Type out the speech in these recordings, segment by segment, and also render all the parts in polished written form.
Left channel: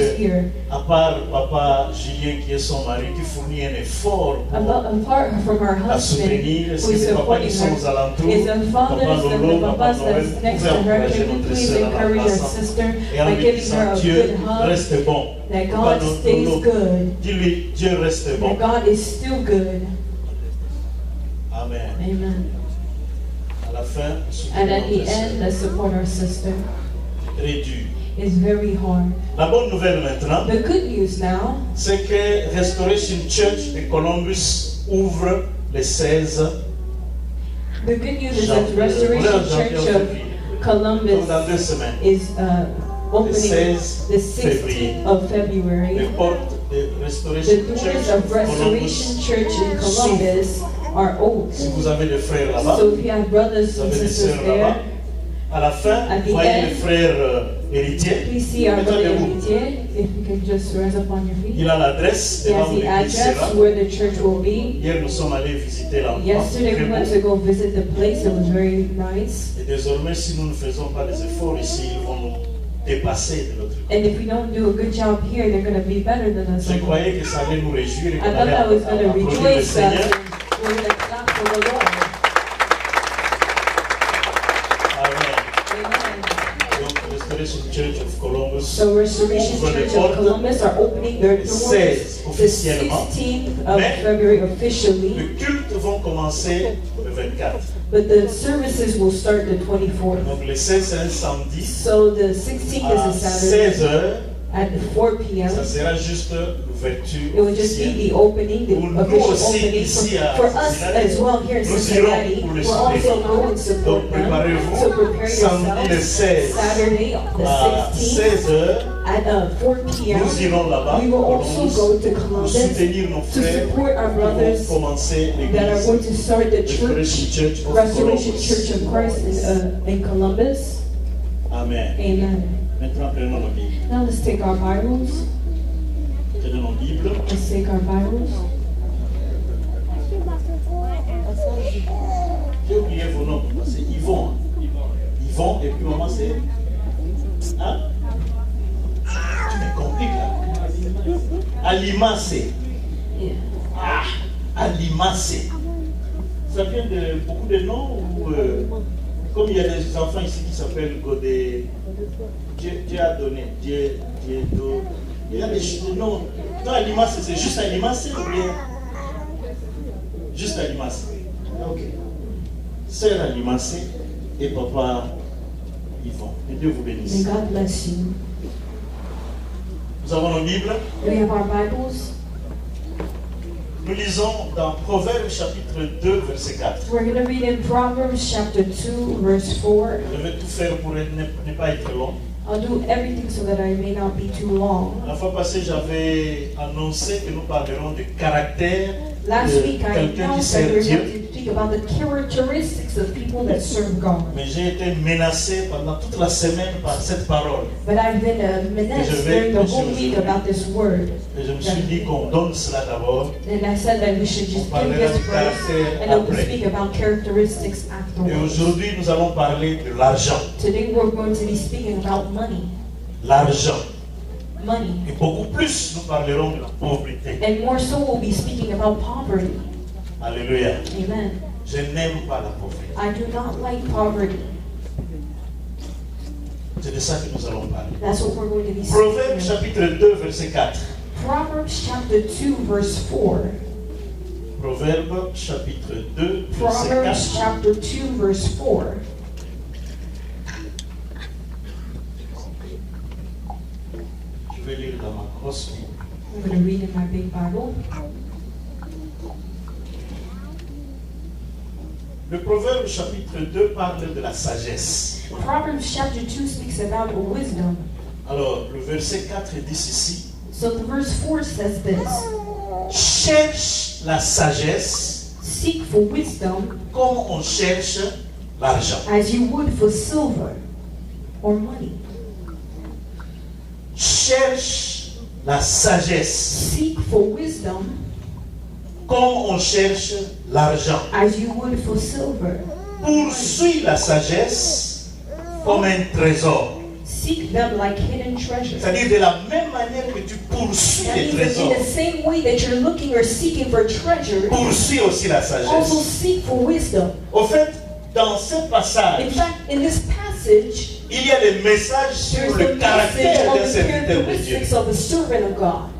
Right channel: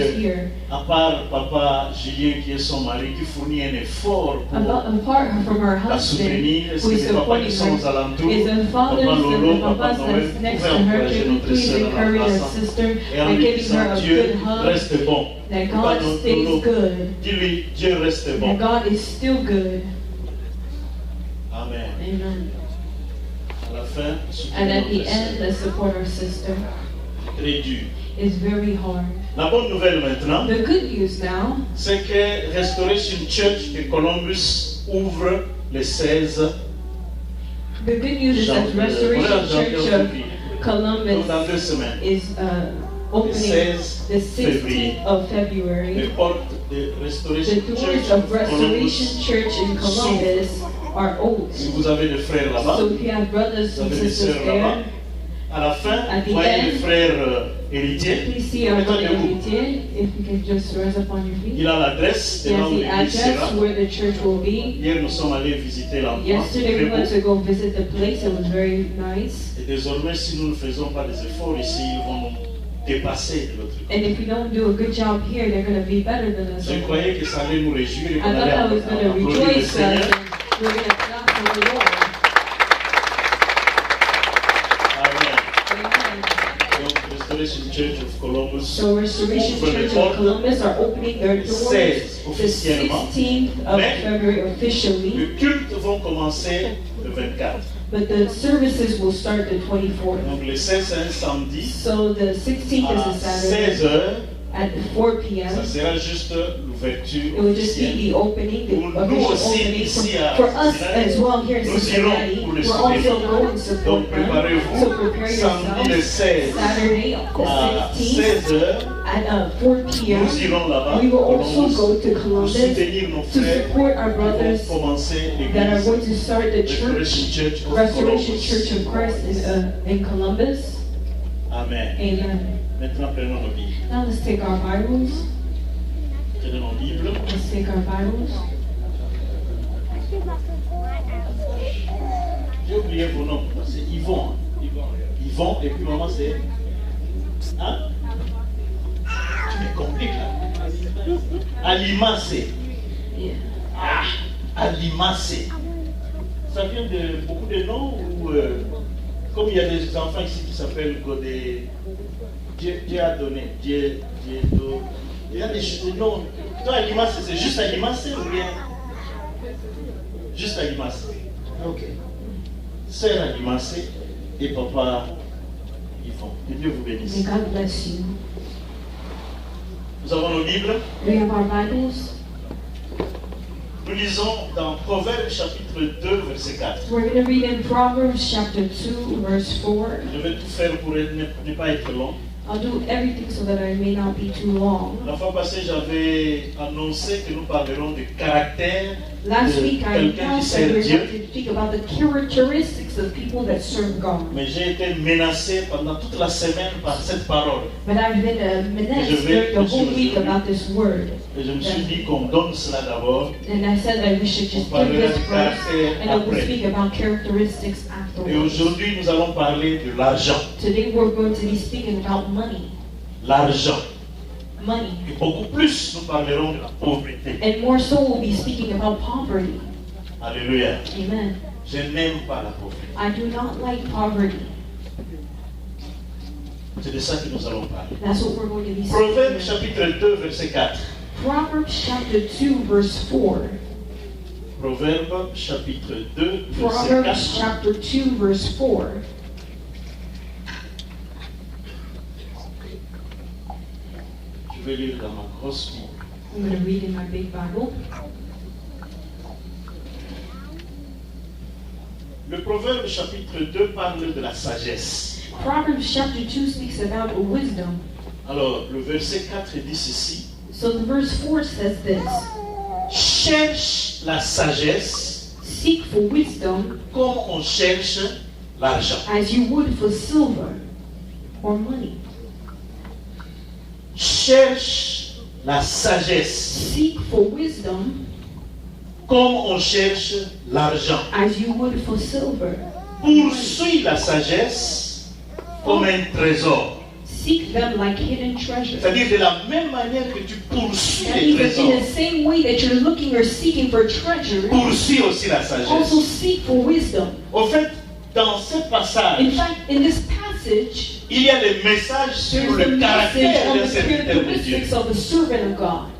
she's here. À part Papa Julien qui est son mari, qui fournit un effort pour Apart from her la husband, soutenir, est-ce who que is les papas qui supporting sont aux her, alentours, is the fathers Papa and Lolo, the Papa papas Noël, that's next pouvez to her. encourager Can you notre please sœur en encourage our l'embrassant sister et en by lui giving her disant a Dieu good hug? reste bon. That Papa God stays Lolo, good. dis-lui Dieu reste bon. That God is still good. Amen. Amen. À la fin, And at the notre end, sœur. let's support our sister. Très dur. It's very hard. La bonne nouvelle maintenant, The good news now c'est que Restoration Church de Columbus ouvre le 16 The good news is that the Restoration Church of donc Columbus dans 2 semaines. is opening 16 the 16th of February. Les portes de The Restoration doors Church of of Restoration Columbus. Church in Columbus are Si open. vous avez des frères là-bas, So if you have brothers vous and avez des sisters sœurs là-bas, there, à la fin, At the voyez end, les frères héritiers. please see our Mettez brother debout. Héritier, if you can just rise up on your feet. Il a l'adresse He devant has où the l'église address sera. where the church will be. Hier, nous sommes allés visiter l'endroit. Yesterday Très we went beau. to go visit the place. It was very nice. Et désormais, si nous ne faisons pas des efforts ici, ils vont nous dépasser de l'autre côté. And if we don't do a good job here, they're going to be better than us. Je croyais que ça allait nous réjouir et I qu'on thought allait I was going to applaudir le rejoice us Seigneur. and we're going to clap for the Lord. Amen. Amen. Donc, Restoration Church of Columbus So Restoration ouvre les Church of portes Columbus are opening their doors 16 the officiellement. 16th of Mais February officially, les cultes vont commencer le 24. but the services will start the 24th. Donc, le 16 c'est un samedi So the 16th à is a Saturday 16 heures. at 4 p.m. Ça sera juste l'ouverture It will just be officielle. the opening, the Pour nous official aussi, opening ici à for us Cincinnati, as well here in nous Cincinnati. irons pour les We're also soutenir. going to Donc support them. préparez-vous, So prepare samedi le yourselves. 16 Saturday à the 16th 16 heures, at 4 p.m. nous irons là-bas We will pour also Columbus, go to pour Columbus soutenir nos to frères support our qui brothers vont commencer that are l'église going to start the Restoration church, Church of Restoration Columbus. Church of Christ in Columbus. Amen. Amen. Maintenant, prenons nos Bibles. Now let's take our Bibles. Prenons nos Bibles. Let's take our Bibles. J'ai oublié vos noms. C'est Yvon. Yvon, et puis maman, c'est. Hein? Tu me compliques là. Alimacé. Yeah. Ah, Alimacé. Ça vient de beaucoup de noms ou comme il y a des enfants ici qui s'appellent Godé, Dieu a donné, Dieu donne. Il y a des noms. Toi, Alimacé, c'est juste Alimacé ou bien juste Alimacé? Ok. Sœur Alimacé et papa Yvon. Que Dieu vous bénisse. May God bless you. Nous avons nos Bibles. We have our Bibles. Nous lisons dans Proverbes chapitre 2, verset 4. We're going to read in Proverbs chapter 2, verse 4. Je vais tout faire pour ne pas être long. I'll do everything so that I may not be too long. La fois passée, j'avais annoncé que nous parlerons du caractère Last de week I quelqu'un qui announced that sert we're Dieu. going to speak about the characteristics of people that serve God. Mais j'ai été menacé pendant toute la semaine par cette parole. But I've been menaced during the whole week about this word. Et je me suis dit qu'on donne cela d'abord. And I said that we should just give this first and then we'll speak about characteristics Et afterwards. aujourd'hui, nous allons parler de l'argent. Today we're going to be speaking about money. L'argent. Money. Et beaucoup plus, nous parlerons de la pauvreté. And more so we'll be speaking about poverty. Alléluia. Amen. Je n'aime pas la pauvreté. I do not like poverty. C'est de ça que nous allons parler. That's what we're going to be Proverbes speaking chapitre 2, verset 4. Proverbs chapter 2, verse 4. Proverbes chapitre 2, verset Proverbs 4. chapter 2, verse 4. Je vais lire dans ma grosse Bible. I'm going to read in my big Bible. Le Proverbe chapitre 2 parle de la sagesse. Proverbs chapter 2 speaks about wisdom. Alors, le verset 4 dit ceci. So the verse 4 says this. Cherche la sagesse Seek for wisdom comme on cherche l'argent. as you would for silver or money. Cherche la sagesse Seek for wisdom comme on cherche l'argent. as you would for silver. Poursuis la sagesse comme un trésor. Seek them like hidden treasures. C'est-à-dire de la même manière que tu poursuis That les means that in trésors, the same way that you're looking or seeking for treasure, poursuis aussi la also sagesse. seek for wisdom. Au fait, dans ce In passage, fact, in this passage, il y a des messages sur there's le the message caractère on d'un the serviteur de Dieu. characteristics of a servant of God.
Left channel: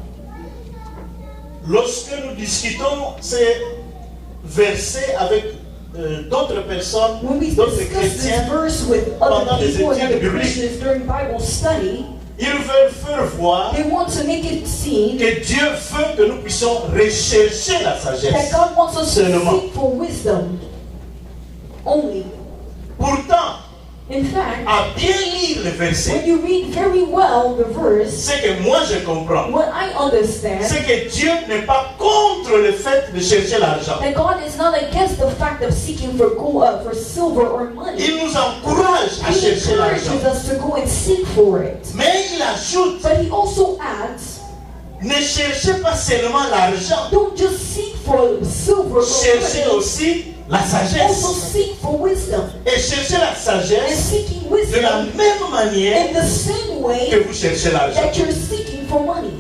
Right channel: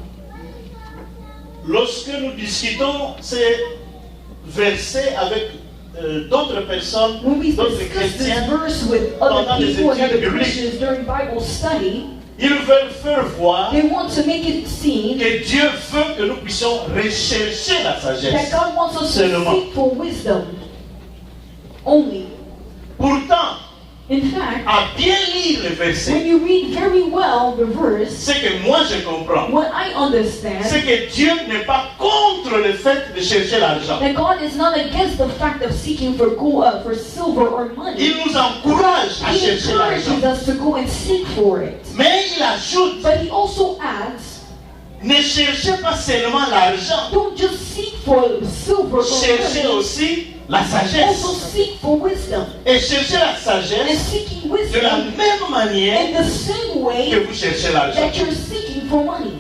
Lorsque nous discutons ces versets avec d'autres personnes, When we d'autres discuss this chrétiens, verse with pendant other les people and études other bibliques, Christians during Bible study, ils veulent faire voir they want to make it seem que Dieu veut que nous puissions rechercher la that sagesse. God wants us to Seulement. seek for wisdom only. Pourtant, In fact, à bien lire les when versets, you read very well the verse, ce que moi je comprends, what I understand, c'est que Dieu n'est pas contre le fait de chercher l'argent. that God is not against the fact of seeking for gold, for silver or money. Il nous encourage à He chercher encourages l'argent. us to go and seek for it. Mais il ajoute, But he also adds, ne cherchez pas seulement l'argent, don't just seek for silver or cherchez money, aussi la also sagesse. seek for wisdom. Et cherchez la And sagesse seeking de la wisdom même manière in the same way que vous cherchez l'argent. that you're seeking for money.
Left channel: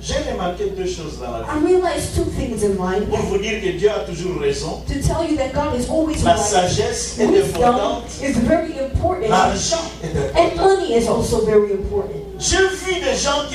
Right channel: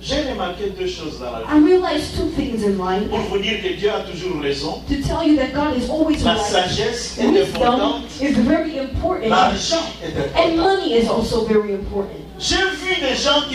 J'ai remarqué deux choses dans la vie. I realized two things in life. Pour vous dire que Dieu a toujours raison, To tell you that God is always la right. sagesse est Wisdom importante, is very important. l'argent est And important. money is also very important. J'ai vu des gens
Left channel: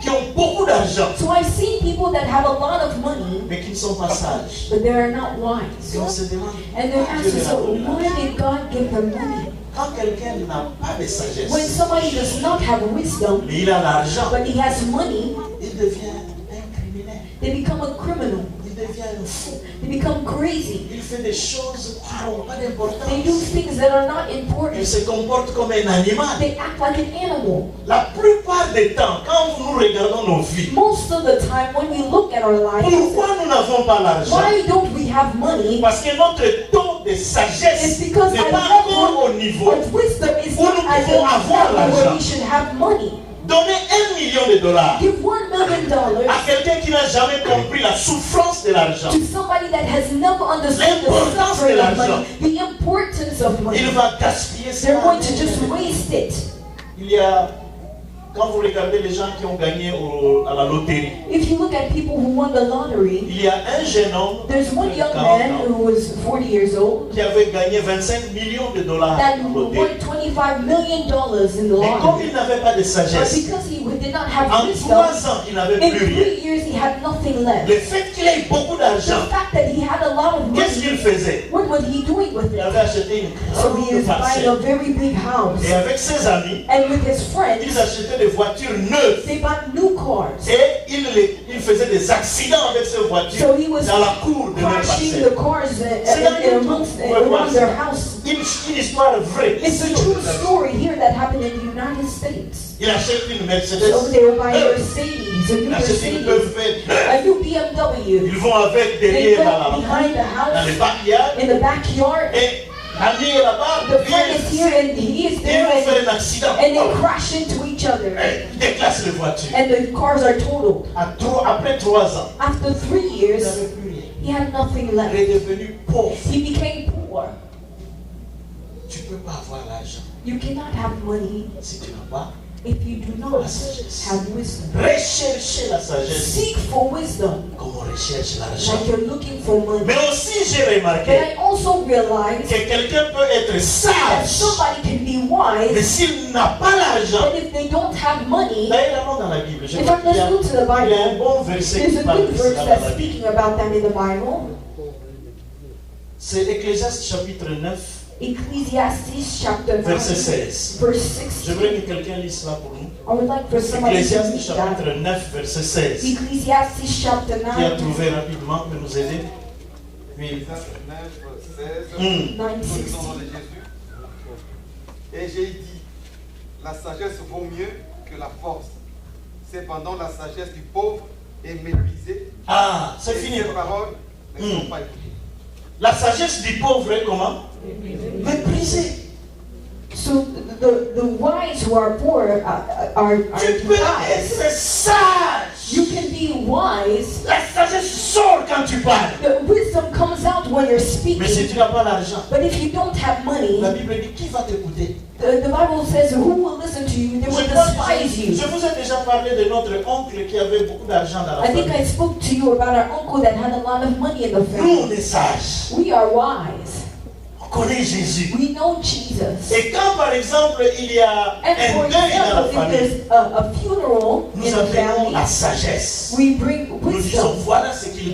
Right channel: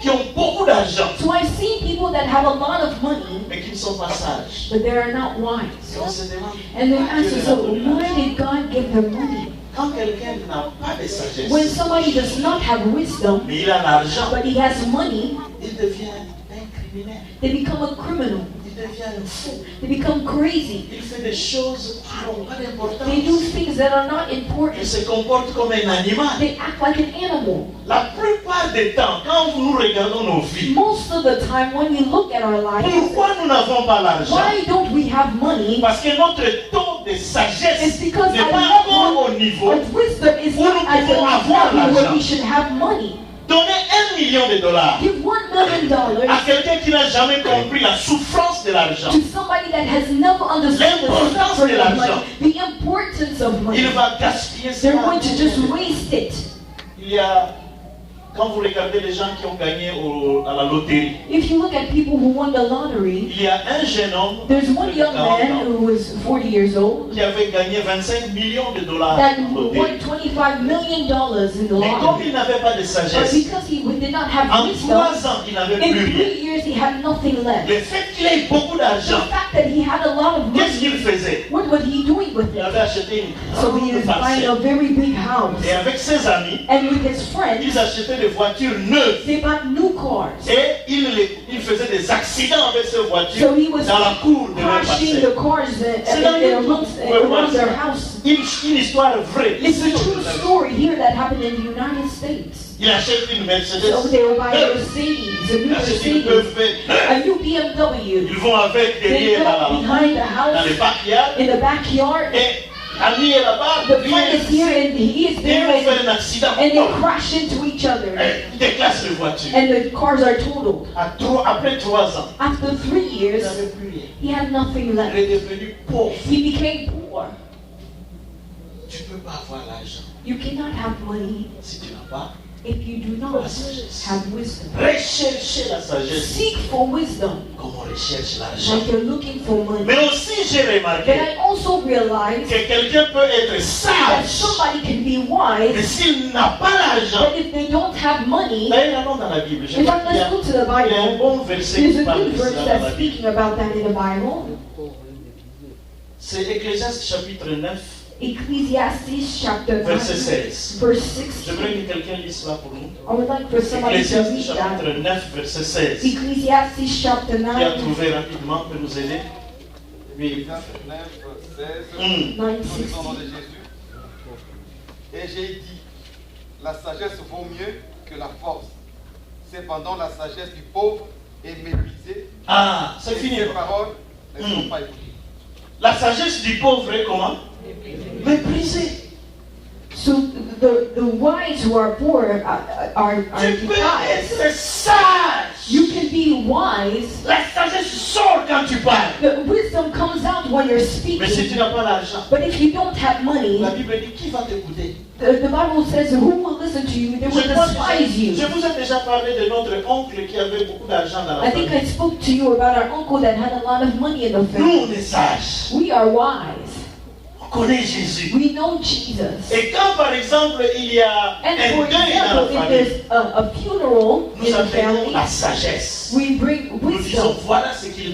qui ont beaucoup d'argent, So I see people that have a lot of money, mais qui ne sont pas sages. but they are not Et wise. on se demande, And they ask Dieu leur a themselves, donné why l'argent. did God give them money? Quand quelqu'un n'a pas de sagesse, When somebody does not have wisdom, mais il a l'argent, but he has money, il devient un criminel, they become a criminal. il devient un fou, They become crazy. il fait des choses qui n'ont pas They do d'importance. things that are not Il important. se comporte comme un animal. They act like an animal. La plupart des temps, quand nous regardons nos vies, Most of the time, when we look at our lives, pourquoi nous n'avons pas l'argent? why don't we have money? Parce que notre taux de It's sagesse because n'est our pas encore au level niveau. of wisdom is Où nous not at the pouvons avoir level where l'argent. we should have money. Donner $1 million Give $1 million à quelqu'un qui n'a jamais compris la souffrance de l'argent, to somebody that has never understood the L'importance suffering de of l'argent. money, the importance of money. il va gaspiller ça. They're going to just waste it. Il y a, quand vous regardez les gens qui ont gagné à la loterie, If you look at people who won the lottery, il y a un jeune homme there's one de young 40 man ans who was 40 years old qui avait gagné $25 millions that en won loterie. $25 million in the Mais comme lottery. il n'avait pas de But sagesse, because he did not have en wisdom, 3 ans, il n'avait in plus rien. 3 years he had nothing left. Le fait qu'il ait beaucoup The d'argent, fact that he had a lot of qu'est-ce qu'il money, faisait? what was he doing with Il it? avait acheté une So he grande is buying a parcelle. very big house. Et avec ses amis, And with his friends, ils achetaient des voitures neuves. they bought new cars. Et il faisait des accidents avec ces voitures So he was dans la cour de leur crashing parcelle. the cars C'est dans YouTube. amongst Vous pouvez voir around their ça. house. Une histoire vraie. It's a true story here that happened in the United States. Il achète une Mercedes. So they were buying neuve. Mercedes, a new Il achète une Mercedes, BMW. a new BMW. Ils vont avec They derrière go behind the dans les house, backyards. in the backyard. Et l'ami est là-bas. The lui friend est is here ici. and he is Et ils there, vont faire and un accident. they crash into each other. Et ils déclassent les voitures. And the cars are totaled. Après 3 ans, After 3 il years, n'avait plus rien. he had nothing Il left. est devenu pauvre. He became poor. Tu ne peux pas avoir l'argent You cannot have money si tu n'as pas. if you do not have wisdom. Rechercher la sagesse Seek for wisdom, comme on recherche l'argent. like you're looking for money. Mais aussi, j'ai But remarqué I also realize que quelqu'un peut être that sage, somebody can be mais wise, s'il n'a pas l'argent. but if they don't have money, D'ailleurs, allons dans la Bible. Je in crois fact, qu'il y let's a, go to the il y a un Bible. bon verset There's qui a parle good de verse cela dans that's la Bible. speaking about that in the Bible. C'est Ecclésiaste chapitre 9, Ecclesiastes chapter 9, verset 16. verse Je voudrais 16. que quelqu'un lise cela pour nous. I would like for somebody to Ecclésiaste read that. chapitre 9, verset 16. Ecclesiastes chapter Qui a 9, trouvé rapidement peut nous aider? Oui. 9, 16. Hmm. 9, Nous 16. lisons au nom de Jésus. Et j'ai dit, la sagesse vaut mieux que la force. Cependant, la sagesse du pauvre est méprisée. Ah, c'est Et fini. ses paroles ne sont Hmm. pas écoutées. La sagesse du pauvre est comment? Méprisée. So the wise who are poor are Tu peux despised. être sage. You can be wise. La sagesse sort quand tu parles. The wisdom comes out when you're Mais si speaking. tu n'as pas l'argent, But if you don't have money, la Bible dit qui va t'écouter? the Bible says, who will listen to you? They will despise you. Je vous ai déjà parlé de notre oncle qui avait beaucoup d'argent dans la I think famille. I spoke to you about our uncle that had a lot of money in the Nous, family. on est sages. We are wise. On connaît Jésus. We know Jesus. Et quand, par exemple, il y a And un for deuil dans la example, if famille, there's a funeral in nous the appelons la family, sagesse. we bring Nous disons, wisdom. voilà ce qui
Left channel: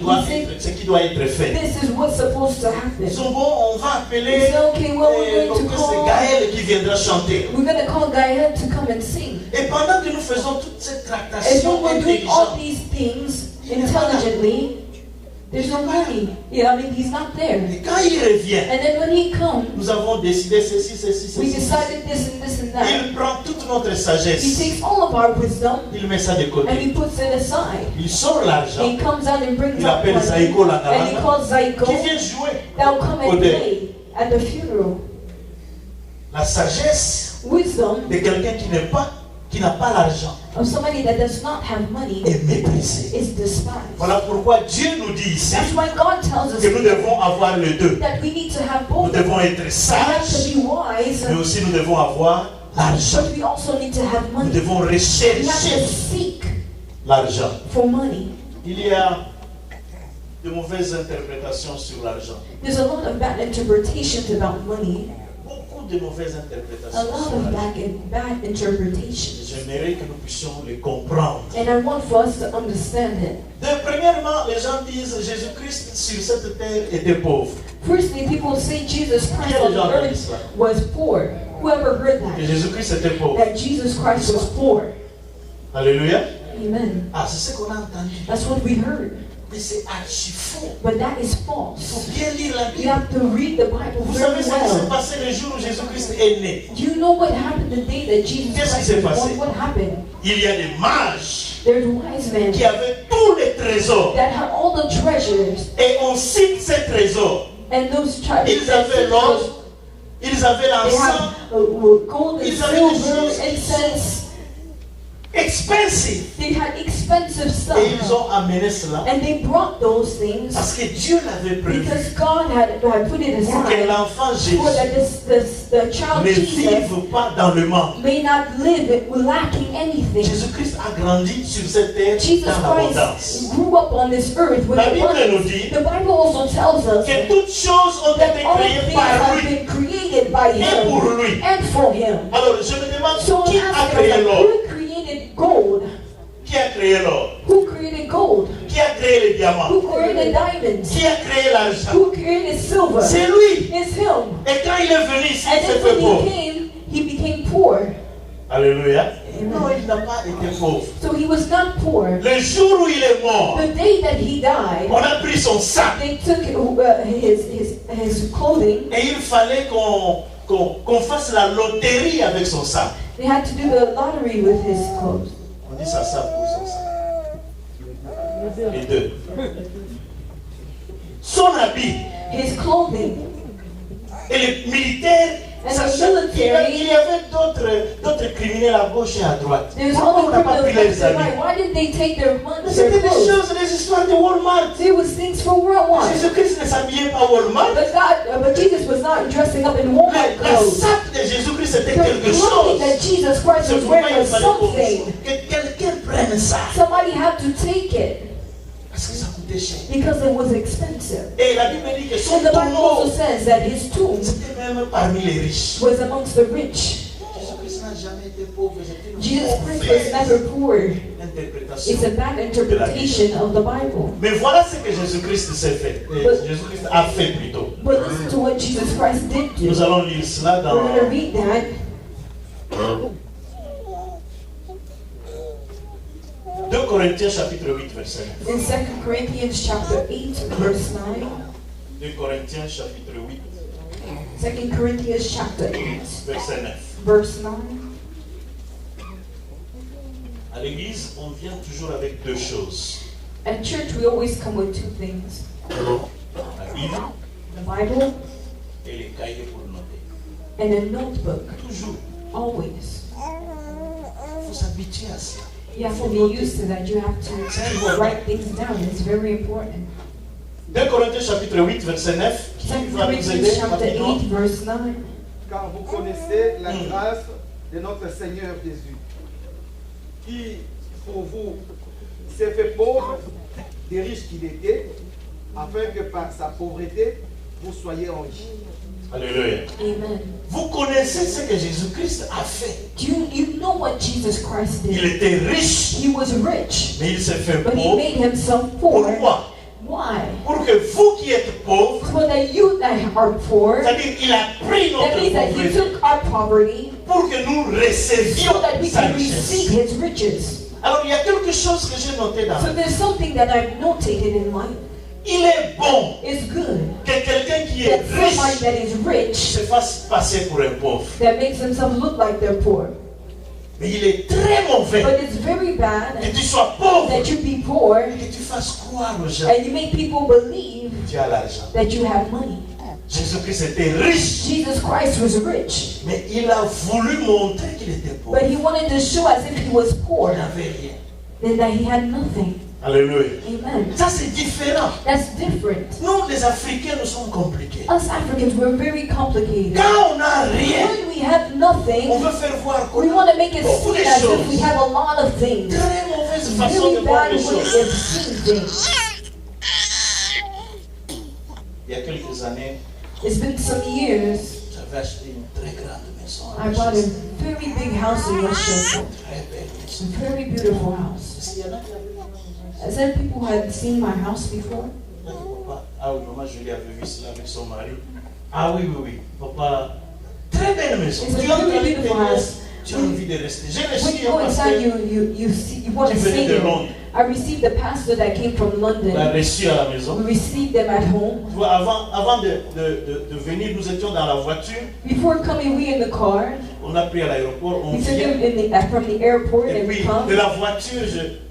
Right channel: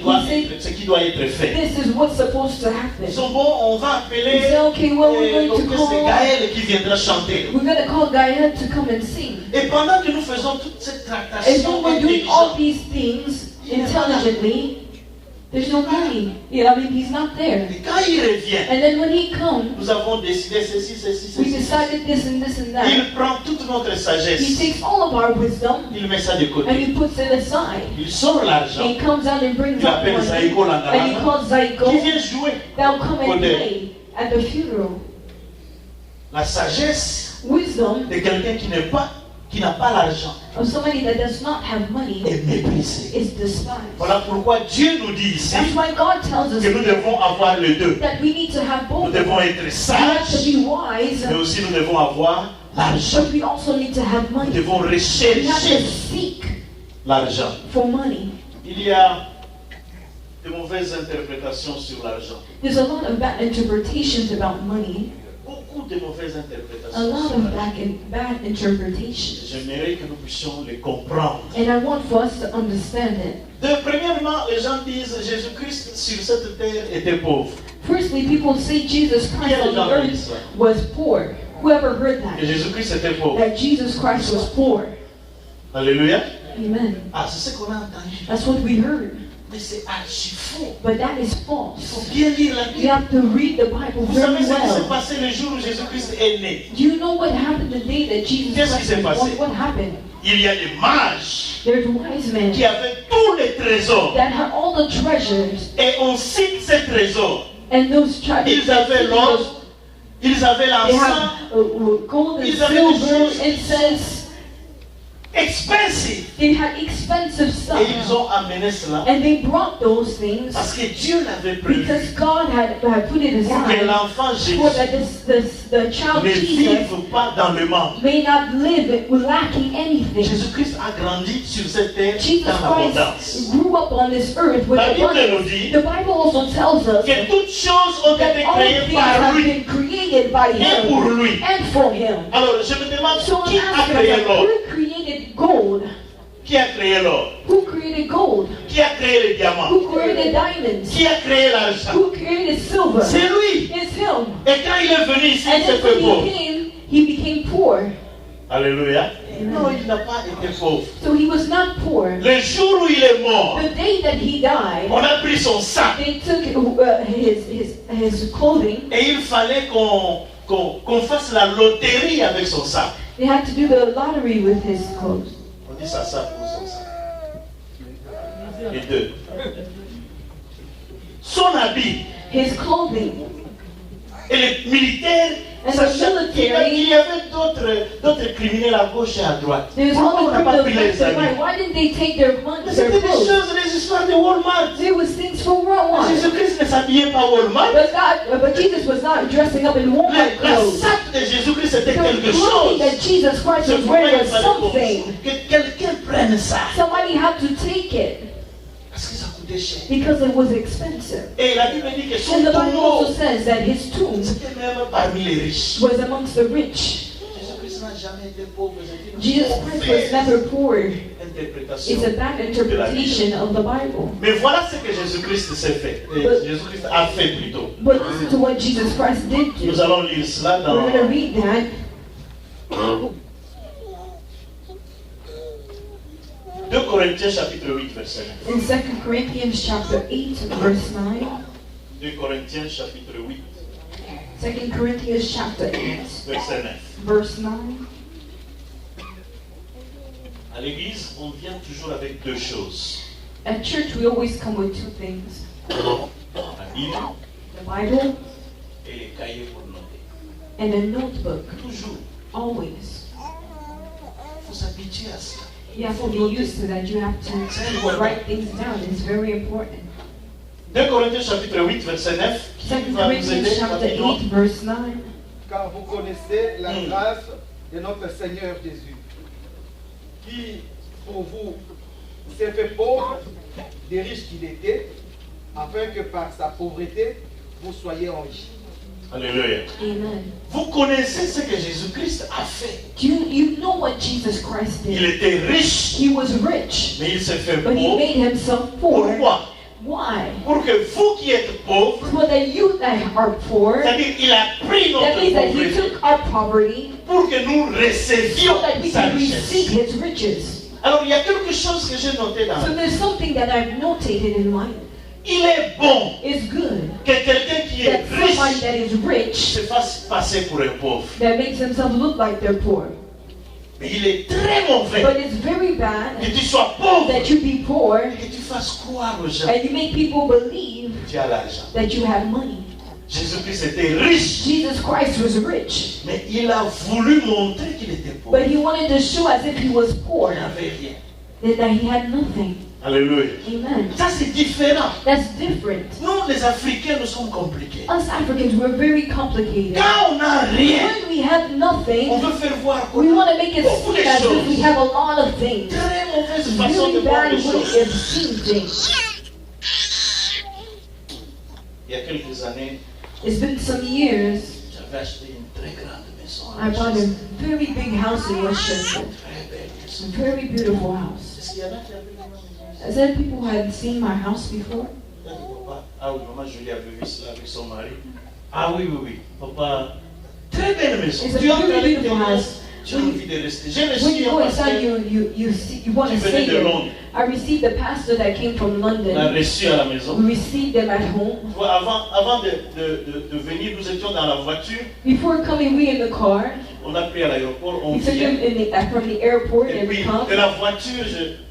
doit être fait. This is what's supposed to Ils happen. sont bons, on va We appeler say, okay, well, we're going donc to c'est call, Gaël qui viendra chanter. we're going to call Gaia to come and sing. Et pendant que nous faisons toute cette And tractation when we're doing all intelligente, these things intelligently, there's no money. Yeah, I mean, he's not there. et quand il revient, And then when he comes, nous avons décidé ceci. we decided this and this and that. Il prend toute notre He sagesse, takes all of our wisdom il met ça de and côté. he puts it aside. Il sort l'argent, He comes out and brings il up appelle money. Zaïko And he Langalanga, calls qui Zaiko. vient jouer. They'll come and Odeh. play at the funeral. La sagesse Wisdom de quelqu'un qui n'a pas l'argent of somebody that does not have money est méprisée. is despised. Voilà pourquoi Dieu nous dit ici That's why God tells us que nous devons avoir les deux. that we need to have Nous both. devons être We have to sages, be wise, mais aussi nous devons avoir l'argent. but we also need to have Nous money. devons We have rechercher to seek l'argent. for money. Il y a de mauvaises interprétations sur l'argent. There's a lot of bad interpretations about money. Beaucoup de mauvaises A interprétations lot sur of l'argent. bad interpretations. J'aimerais que nous puissions les comprendre. And I want for us to understand it. Premièrement, les gens disent Jésus-Christ sur cette terre était pauvre. Firstly, people say Jesus Christ on the earth was poor. Whoever heard Et that? Jésus-Christ était pauvre. That Jesus Christ was poor. Alléluia. Amen. Ah, c'est ce qu'on a entendu. That's what we heard. Mais c'est archi faux. But that is Il faut false. bien lire la You Bible. have to read the Bible Vous savez very ce qui s'est well. passé le jour où Jésus-Christ est né? Do you know what happened the day that Jesus Qu'est-ce qui Christ s'est was passé? born? What happened? Il y a des mages There's wise men qui avaient tous les trésors. that had all the treasures, Et on cite ces trésors. and those treasures. Ils avaient l'or, ils avaient They l'encens, had gold and Ils avaient des silver, choses incense. expensive. They had expensive stuff. Et ils ont amené cela And they brought those things parce que Dieu l'avait prévu because God had put it pour que aside l'enfant Jésus so that the child ne Jesus vive pas dans le manque. may not live lacking anything. Jésus-Christ a grandi sur cette terre Jesus dans l'abondance. Christ grew up on this earth with La Bible nous abundance. dit The Bible also tells us que toutes choses ont that été all créées things par have lui been created by et pour Him lui. and for Him. Alors je me demande So qui I'm a asking créé myself, l'or? who created gold? Qui a créé l'or? Who created gold? Qui a créé les diamants? Who created diamonds? Qui a créé l'argent? Who created silver? C'est lui. It's Him. Et quand il est venu ici, il And s'est then fait when pauvre. he became poor. Alléluia. Amen. Non, il n'a pas été pauvre. So he was not poor. Le jour où il est mort, The day that he died, on a pris son sac they took his clothing. et il fallait qu'on fasse la loterie avec son sac. They had to do the lottery with his clothes. On dit ça sac ou son sac? Les deux. Son habit His clothing. et les militaires. And Ça, the military. il y avait d'autres criminels à gauche et à droite. There's Pourquoi on other n'a pas pris criminals les left and habits? right. Why didn't they take their money, C'était their des clothes? choses, des histoires de Walmart. There was things for Walmart. Jésus-Christ ne s'habillait pas Walmart. But Jesus was not dressing up in Walmart La clothes. sac de Jésus-Christ The c'était quelque clothing chose. that Jesus Christ C'est was pourquoi wearing il was fallait something. que quelqu'un prenne ça. Somebody had to take it Parce que ça coûtait cher. because it was expensive. Et la Bible dit que son And the Bible also tombeau, says that his tomb c'était même parmi les riches. was amongst the rich. Jésus-Christ n'a jamais été pauvre. C'était une Jesus Christ was never poor. interprétation. It's a bad interpretation of the Bible. Mais voilà ce que Jésus-Christ s'est fait. Jésus-Christ a fait plutôt. But listen to what Jesus Christ did Nous do. allons lire cela We're going to dans read that 2 Corinthiens chapitre 8 verset 9. in 2 Corinthians chapter 8, verse 9. 2 Corinthiens chapitre 8 2 Corinthians chapter 8, verset 9. verse 9. À l'église, on vient toujours avec deux choses. At church, we always come with two things: La Bible the Bible et les cahiers pour noter. and a notebook. Toujours. Always. Il faut s'habituer à cela. You have to be used to that. You have to write things down. It's very important. 2 Corinthiens chapitre 8, verset 9. Qui 2 va nous aider Corinthians chapter rapidement? 8, verse 9. Car vous connaissez la grâce de notre Seigneur Jésus, qui pour vous s'est fait pauvre, des riches qu'il était, afin que par sa pauvreté, vous soyez enrichis. Alléluia. Amen. Vous connaissez ce que Jésus-Christ a fait. You know what Jesus Christ Il did. était riche, He was rich, mais il s'est fait but he pauvre. made himself poor. Pourquoi? Why? Pour que vous qui êtes pauvres, For the you that are poor, that c'est-à-dire il a pris notre means that he pauvreté took our poverty pour que nous recevions so that we sa can richesse. receive his riches. Alors il y a quelque chose que j'ai noté dans So la there's something that I've notated in mind. Il est bon It's good que quelqu'un qui est that someone riche that is rich se fasse passer pour un pauvre. that makes themselves look like they're poor. Mais il est très mauvais But it's very bad que tu sois pauvre that you be poor et que tu fasses croire aux gens and you make people believe que tu as l'argent. that you have money. Jésus-Christ était riche, Jesus Christ was rich, mais il a voulu montrer qu'il était pauvre. but he wanted to show as if he was poor, Il n'avait rien. that he had nothing. Alléluia. Amen. Ça c'est différent. That's different. Nous les Africains, nous sommes compliqués. Us Africans, we're very complicated. Quand on n'a rien, When we have nothing, on veut faire voir qu'on we a want to make it beaucoup de seem as if we choses. have a lot of things. Très mauvaise façon de Really voir bad les way choses. of seeing things. Il y a quelques années, It's been some years. j'avais acheté une très grande maison. I bought a very big house in Westchester. Très belle maison. A very beautiful house. Est-ce qu'il y en a qui avaient vu ma maison? Has there people who had seen my house before? Papa, ah oui, maman Julie avait vu cela avec son mari. Ah oui, oui, oui. Papa, très belle maison. It's a Tu entres à very beautiful l'intérieur, house. tu as envie de rester. J'ai When reçu you un go inside, pasteur you want qui to venait stay de there. Londres. I received the pastor that came from On l'a London. reçu à la maison. We received them at home. Tu vois, avant de venir, nous étions dans la voiture. Before coming, we in the car. On a pris à l'aéroport, on We took vient. them from the airport Et and puis, we come. de la voiture,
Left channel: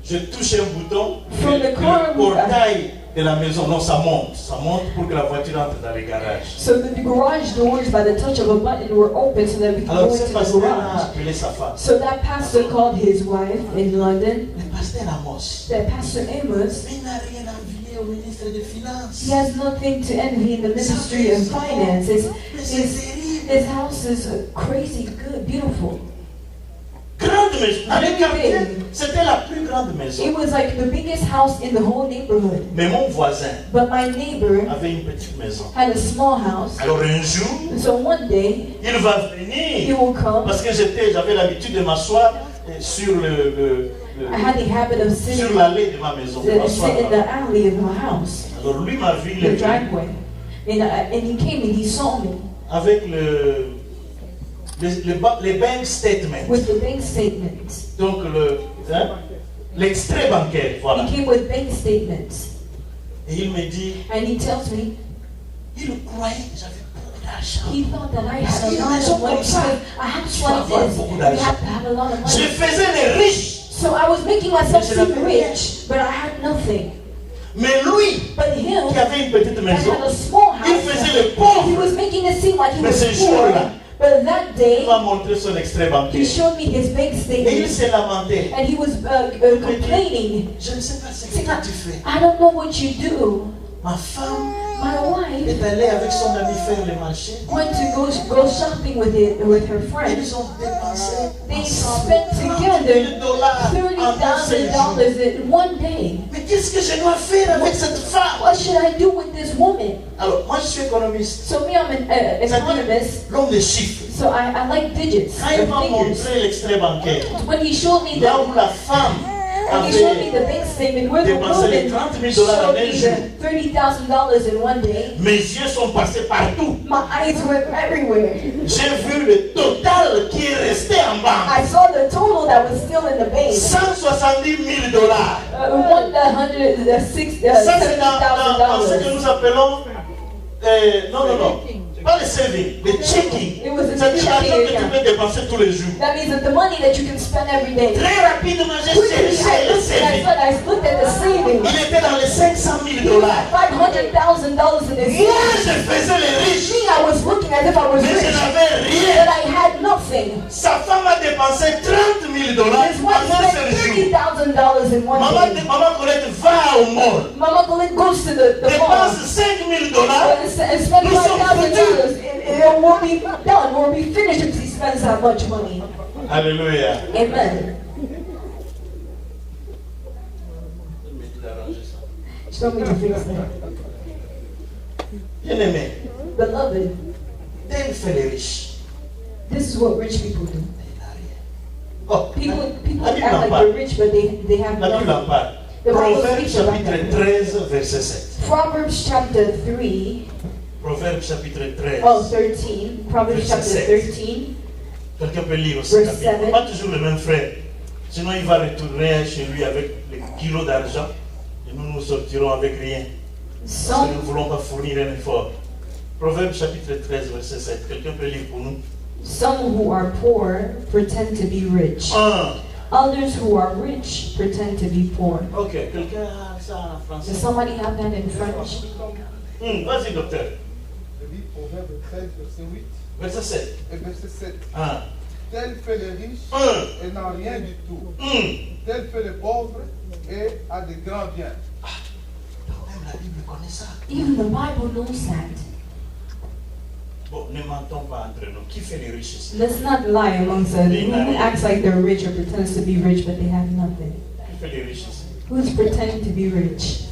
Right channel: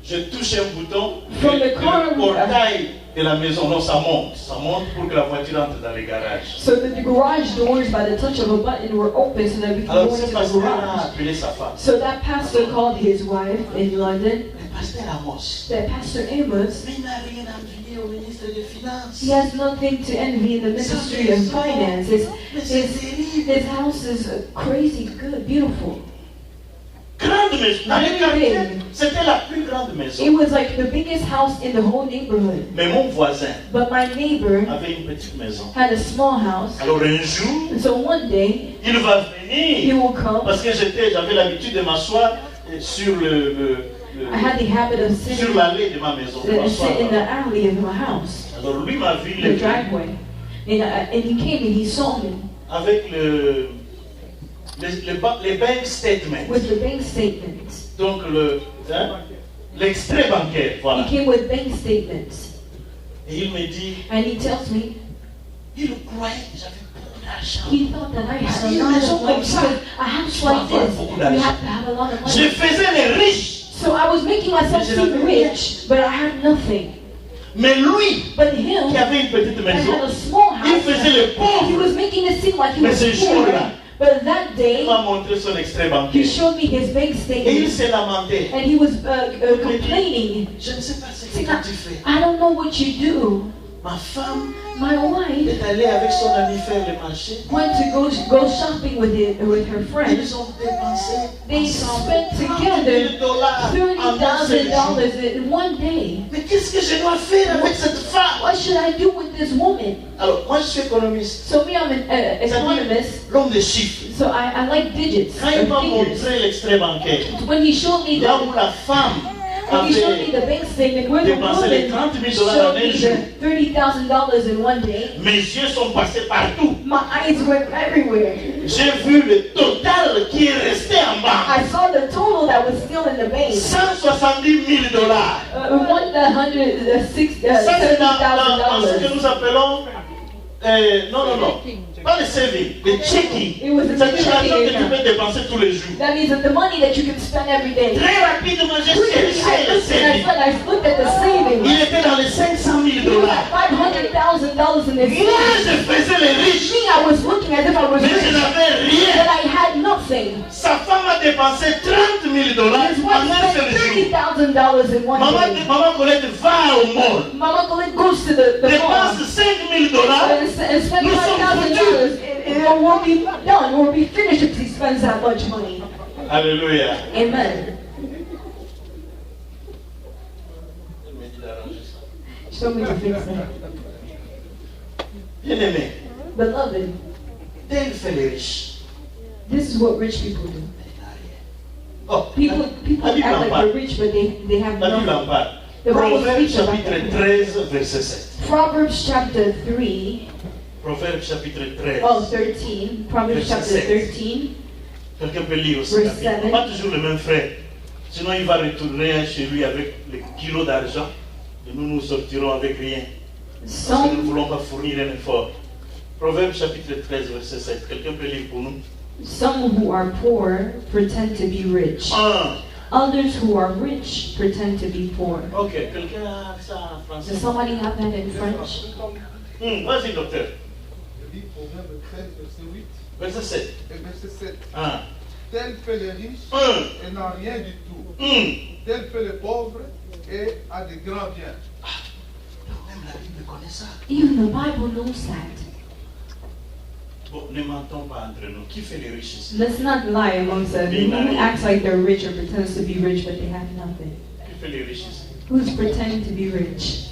je touche un bouton. From et the car, le portail de la maison, non, ça monte. Ça monte pour que la voiture entre dans les garages. So the garage doors, by the touch of a button, were open so that we could Alors, go ce into the pasteur a garage. appelé sa femme. So that pastor called his wife in London. Le pasteur Amos. That Pastor Amos, Mais il n'a rien à envier au ministre des Finances. he has nothing to envy in the ministry of finance. Mais c'est terrible. His house is crazy good, beautiful. Grande maison. Dans les Very quartiers, big. c'était la plus grande It maison. was like the biggest house in the whole neighborhood. Mais mon voisin But my neighbor avait une petite maison. had a small house. Alors un jour, And so one day, il va he venir. will come. Parce que j'avais l'habitude de m'asseoir sur I had the habit of sur sitting l'allée de ma maison. sit in the alley of my house, Alors lui m'a vu the driveway. And he came and he saw me avec les bank statements. with the bank statements. Donc l'extrait bancaire, voilà. He came with bank statements. Et il me dit, And he tells me, il croyait que j'avais beaucoup d'argent. he thought that I had a Une lot maison of money. comme ça, Because a house tu dois like avoir this, beaucoup you d'argent. have to have a lot of Je money. faisais les riches. So I was making myself Mais je seem n'avais rien. rich, but I had nothing. Mais lui, But him, qui avait une petite that maison, had a small il house, faisait le he pauvre. was making it seem like he Mais was ce poor. jour-là, But that il day, m'a montré son extrait he bancaire. showed me his bank Et il statement. s'est lamenté. And he was complaining. Je ne sais pas ce que tu fais. I don't know what you do. Ma femme My wife est allée avec son ami faire le marché. went to go shopping with her friends. Ils ont dépensé They ensemble spent $30,000 together en un seul jour. $30,000 in one day. Mais qu'est-ce que je dois faire avec cette femme? What should I do with this woman? Alors, moi je suis économiste. So me, I'm an economist. L'homme des chiffres. So I like digits, Quand il m'a figures. montré l'extrait bancaire, When he showed me là où the la femme when he showed me avait the bank statement where the dépensé les woman $30,000 showed en me un jour, the $30,000 in one day, mes yeux sont passés partout. my eyes went everywhere. J'ai vu le total qui est resté en bas. I saw the total that was still in the bank. $170,000. Ça c'est dans ce que $70,000. nous appelons non. Pas le saving, le checking. It was in the C'est-à-dire l'argent checking que tu account. peux dépenser tous les jours. That means that the money that you can spend every day. Très rapidement, j'ai Quickly, cherché le saving. I looked at the savings. Il était dans les $500,000. $500,000 in this. Moi, je faisais les riches, Me, I was looking as if I was mais je rich, n'avais but rien. I had nothing. Sa femme a dépensé $30,000 $30,000 His en wife un spent seul jour. $30,000 in one day. Maman Colette va au mall. Mama Colette goes to the mall Dépense $5,000. and spends Nous sommes $5,000. It won't be done. It won't be finished if he spends that much money. Alléluia. Amen. Show me to fix that. Bien aimé, Beloved, Dieu fait les riches. this is what rich people do. Oh, People la Bible act en like parle. they're rich, but they have La Bible en nothing. parle. The Bible Proverbe speaks about chapitre that. 13, verset 7. Proverbs chapter 3, Proverbe chapitre 13. 13. Proverbs chapter Verset 13. Quelqu'un peut lire aussi. Verse la Bible. 7. Pas toujours le même frère. Sinon, il va retourner chez lui avec les kilos d'argent. Et nous sortirons avec rien. Parce que nous ne Some, voulons pas fournir un effort. Proverbe chapitre 13, verset 7. Quelqu'un peut lire pour nous. some who are poor pretend to be rich. 1. Others who are rich pretend to be poor. Ok, quelqu'un a ça en français. Does somebody have that in French? Vas-y, docteur. Je lis Proverbe 13, verset 8 Verset 7. et verset 7. 1. Tel fait le riche 1. et n'a rien du tout. 1. Tel fait le pauvre et a de grands biens. Même la Bible connaît ça. Even the Bible knows that. Bon, ne mentons pas entre nous. Qui fait les riches ici? Let's not lie amongst us. Who acts like they're rich or pretends to be rich but they have nothing? Qui fait les riches ici? Who's pretending to be rich?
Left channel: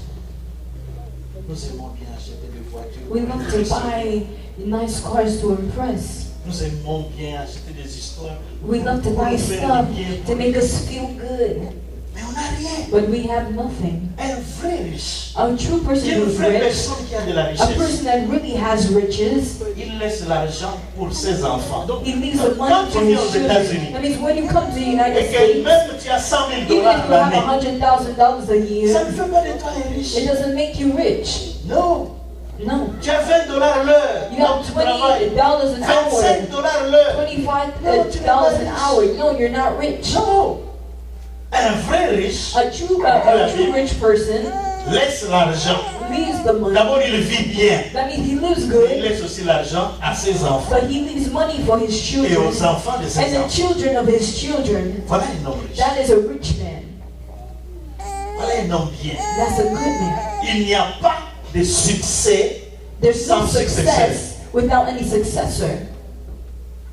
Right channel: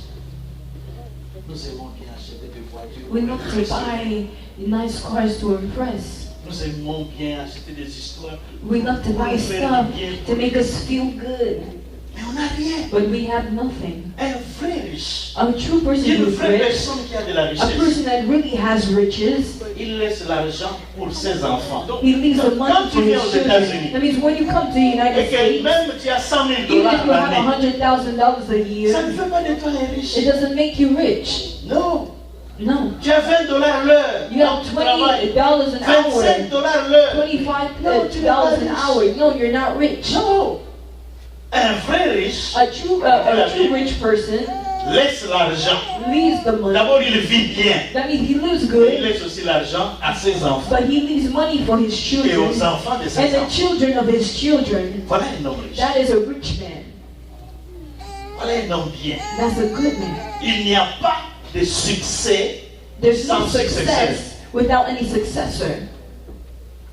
Nous aimons bien acheter des voitures. We love to buy nice cars to impress. Nous aimons bien acheter des histoires. We love to buy stuff to make us feel good. Mais on n'a rien. But we have nothing. Un vrai riche. A true Il person y a une who's vraie rich, personne qui a de la a richesse. person that really has riches, Il laisse l'argent pour ses enfants. Donc, he leaves the quand money tu for viens his aux children. États-Unis, That means when you come to the United et que States, même tu as $100,000 even if you have l'année, $100,000 a year, ça ne fait pas de toi un riche. it doesn't make you rich. Non. No. Tu as $20 l'heure. You have Donc, tu travailles. $20 an hour, $25 l'heure. $25 an hour. No, you're not rich. Non. Un vrai riche A true rich person laisse l'argent. leaves the money. D'abord, il vit bien. That means he lives Il good, laisse aussi l'argent à ses enfants but he leaves money for his et children aux enfants de ses and the enfants. children of his children. Voilà un homme riche. That is a rich man. Voilà un homme bien. That's a good man. Il n'y a pas de succès There's no sans successeur. success without any successor.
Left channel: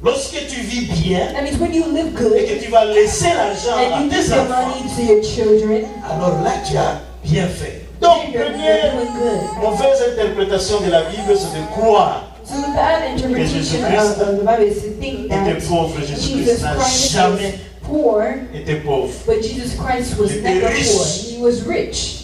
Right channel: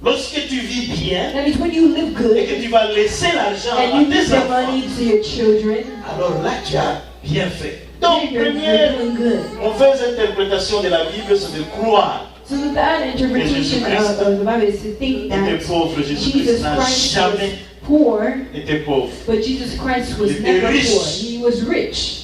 Lorsque tu vis bien That means when you live et good que tu vas laisser l'argent à and you give tes your enfants, money to your children, alors là tu as bien fait. Donc, you're première doing good. mauvaise interprétation de la Bible, c'est de croire So the bad interpretation of the Bible is to think que that t'es pauvre. Jésus-Christ Jesus n'a Christ jamais was poor, été pauvre. but Jesus Christ was Il était never riche. poor. He was rich.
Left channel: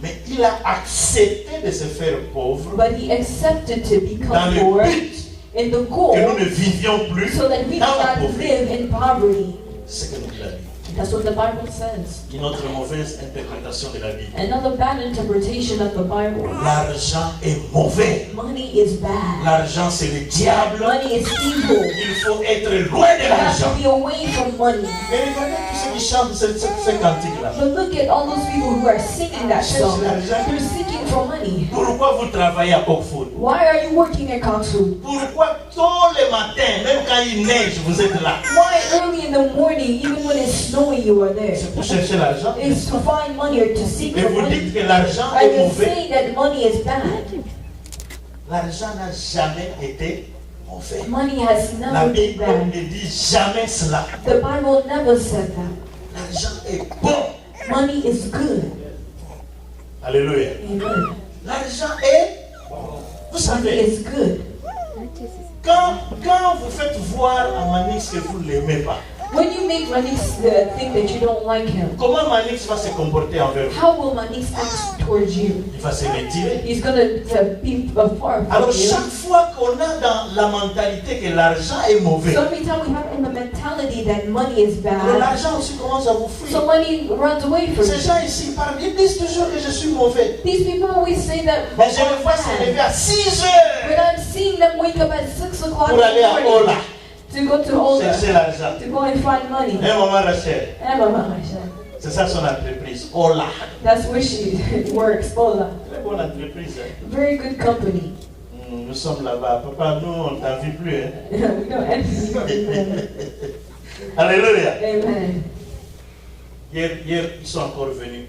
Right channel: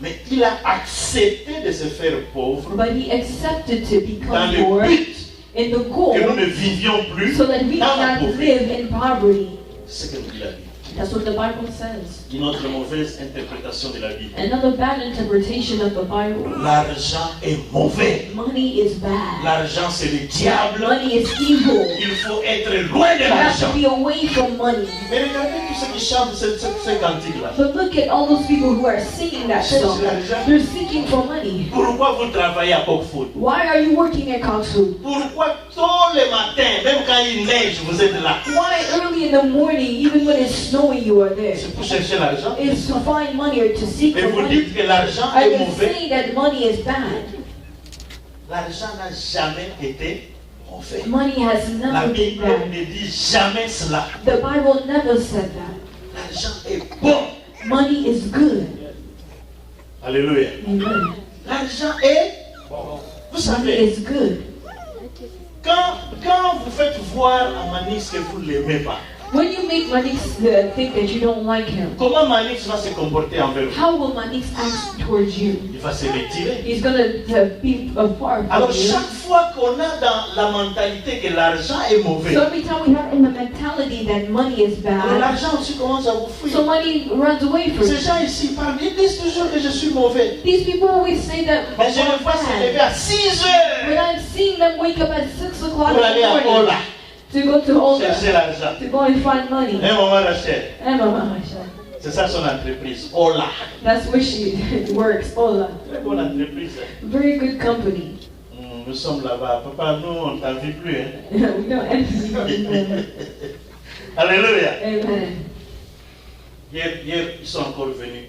Mais il a accepté de se faire pauvre But he accepted to dans become le poor but in the que nous ne goal vivions plus so that we dans la cannot pauvreté. live in poverty. C'est ce que nous dit la Bible. That's what the Bible says. Une autre mauvaise interprétation de la Bible. Another bad interpretation of the Bible. L'argent est mauvais. Money is bad. L'argent, c'est le diable. Money is evil. Il faut être loin de You have l'argent. to be away from money. Mais regardez tous ceux qui chantent ce cantique-là. But look at all those people who are singing that song. They're seeking for money. Pourquoi vous travaillez à Cockfoot? Why are you working at Coxwood? Pourquoi tous les matins, même quand il neige, vous êtes là? Why early in the morning, even when it's snowing, you are there? C'est pour chercher l'argent. It's to find money or to seek Et for vous money. dites que l'argent Are est you mauvais. saying that money is bad? L'argent n'a jamais été mauvais. Money has La never been Bible bad. ne dit jamais cela. The Bible never said that. L'argent est bon. Money is good. Alléluia. Amen. L'argent est bon. Vous Money savez, is good. quand vous faites voir à Manix que vous ne l'aimez pas, When you make Manix think that you don't like him, comment Manix va se comporter envers vous? how will Manix act towards you? Il va se retirer. He's gonna be far Alors from you. chaque fois qu'on a dans la mentalité que l'argent est mauvais, So every time we have in the mentality that money is alors bad, l'argent aussi commence à vous fuir. so money runs away from Ces you. gens ici parlent, ils disent toujours que je suis mauvais. These people always say that Mais je I'm les vois se lever bad. à 6 But heures I'm seeing them wake up at 6 o'clock in pour aller the à morning Ola, to go to Ola, chercher l'argent. to go and find money. Et maman Rachel, Emma, c'est ça son entreprise, Ola. that's where she works, Ola. Très bonne entreprise. Hein. Very good company. Nous sommes là-bas. Papa, nous, on ne t'envie plus. Hein. We don't envy them. Alléluia. Amen. Hier, ils sont encore venus.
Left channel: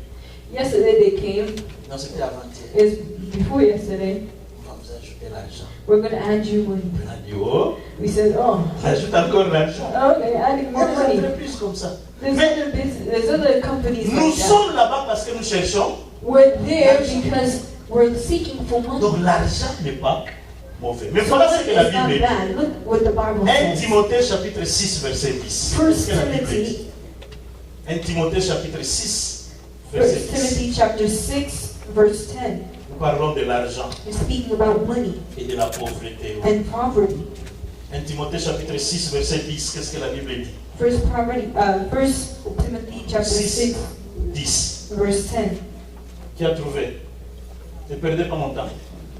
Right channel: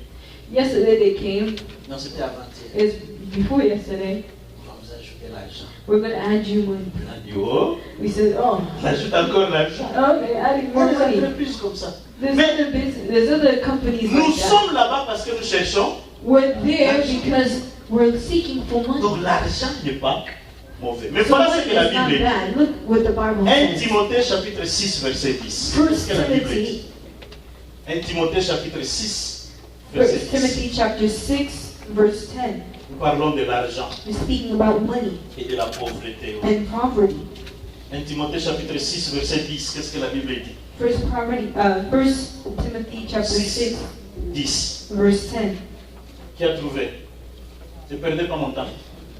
Yesterday they came. Non, c'était avant-hier. It's before yesterday. On va vous ajouter l'argent. We're going to add you money. On a dit, oh, We said, oh, on ajoute encore l'argent. oh, they're adding Il y more a des money. entreprises comme ça. There's Mais other business, there's other companies nous like that. sommes là-bas parce que nous cherchons. We're there because we're seeking for money. Donc l'argent n'est pas mauvais. Mais So voilà money ce que la is not Bible dit. bad. Look what the Bible 1 says. Timothée chapitre 6 verset 10. First Qu'est-ce que la Bible Timothy, dit? 1 Timothée chapitre 6 verset 10. Timothy chapter 6, verse 10. Nous parlons de l'argent We're speaking about money et de la pauvreté. and poverty. 1 Timothée chapitre 6 verset 10. Qu'est-ce que la Bible dit? First Timothy chapter 6, 10. verse 10. Qui a trouvé? Ne perdez pas mon temps.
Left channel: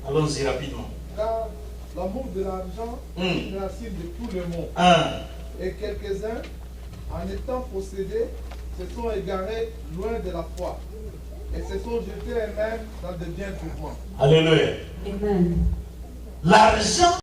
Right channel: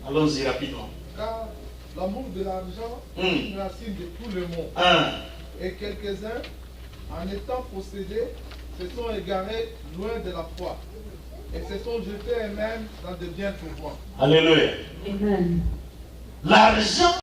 Allons-y rapidement. Car l'amour de l'argent est la cible de tout le monde. 1. Et quelques-uns, en étant possédés, se sont égarés loin de la foi et se sont jetés eux-mêmes dans de biens trouvants. Alléluia. Amen. L'argent